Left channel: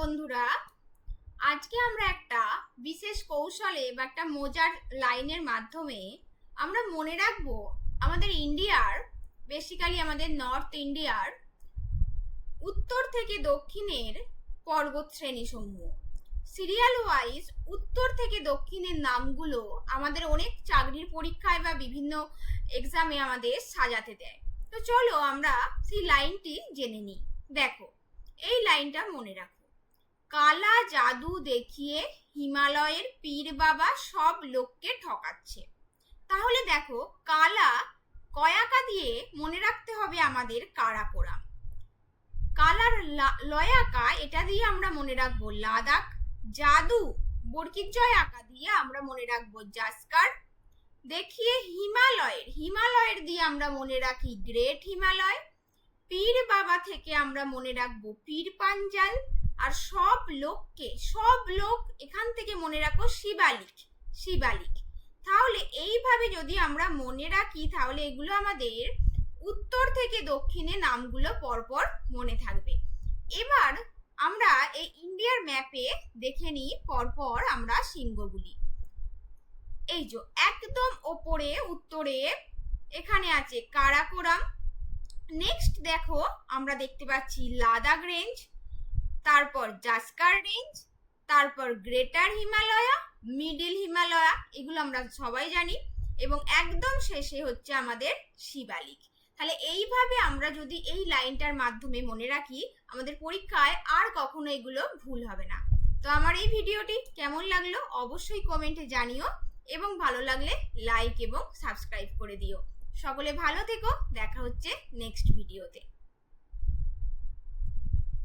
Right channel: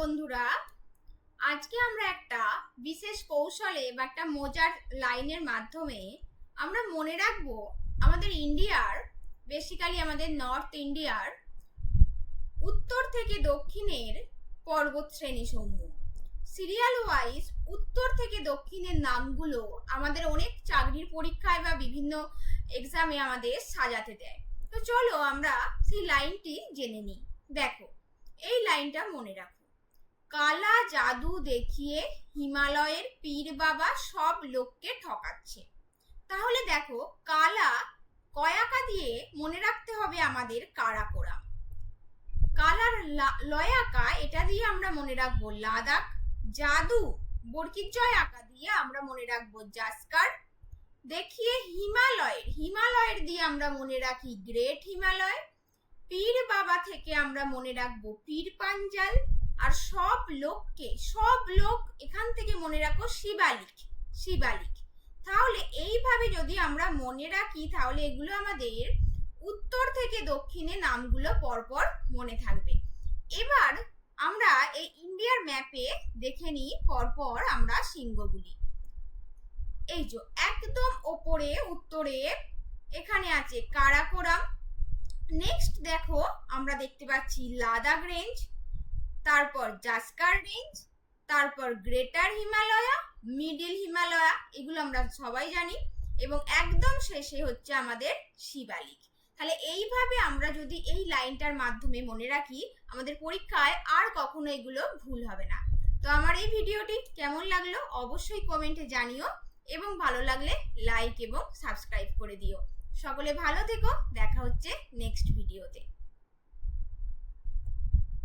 বন্ধুরা, আজকে আমরা একটা বিশেষ কৌশলে বা একটা মজার লাইনের মাধ্যমে আমরা মনে রাখবো আমাদের ইন্ডিয়ার, বেসিক্যালি আমাদের নর্থ ইন্ডিয়ার উত্তর থেকে দক্ষিণের পর্বত শ্রেণী সমূহ সিরিয়াল ওয়াইজ উত্তর থেকে দক্ষিণের নামগুলো আমাদের অনেক চাকরির পরীক্ষায় বা বিভিন্ন এক্সামে আমাদের সাজাতে দেয়। তো চলো আমরা সেই লাইনটি জেনে নিই। দেখো, এই লাইনটা মনে রাখো। কালা জাদু দেখিয়ে হিমালয়ের পীর বাবা সব লোককে ঠকাচ্ছে। তাহলে দেখো, কালা কয়াকা দিয়ে মনে রাখতে হবে আমাদের কারাকোরাম। কালার লয়াকা, এটা দিয়ে আমরা মনে রাখবো লাদাখ। জাদু বর্গিক জয় আঁকা দিয়ে আমরা মনে রাখবো জাস্কার। দেখিয়ে হিমালয়ের দিয়ে আমরা মনে রাখি গ্রেট হিমালয়। পীর বাবা থেকে আমরা মনে রাখবো পীর পাঞ্জাল। আর সব লোক এখান থেকে মনে রাখো শিবালিক। তাহলে এইভাবে যদি আমরা মনে রাখি তাহলে এগুলো আমাদের উত্তর থেকে দক্ষিণে নামগুলো পরপর মনে থাকবে। এবার আমরা এই ইন্ডিয়ার ম্যাপে দেখে নিই পরপর আমরা শৃঙ্গগুলি। এই যে একদম ওপরে উত্তরে এখানে আছে কারাকোরাম। নেক্সট দেখো, আমরা দেখতে পাচ্ছি লাদাখ রেঞ্জ, তারপর জাস্কার রেঞ্জ, তারপর গ্রেটার হিমালয়া, মিডিল হিমালয়া, এগুলো আমরা সবাই জানি, এবং একদম শেষে হচ্ছে আমাদের শিবালিক। তাহলে এইভাবে আমরা যদি এই লাইনটার মাধ্যমে মনে রাখি, আমাদের পরীক্ষায় আর কখনো এগুলো ভুল হবে না। তো আমার এই ভিডিওটি কেমন লাগলো অবশ্যই কমেন্টে জানিও, এবং ভালো লাগলে লাইক এবং সাবস্ক্রাইব করে দিও। সকলে ভালো থেকো, দেখা হচ্ছে নেক্সট ভিডিওতে।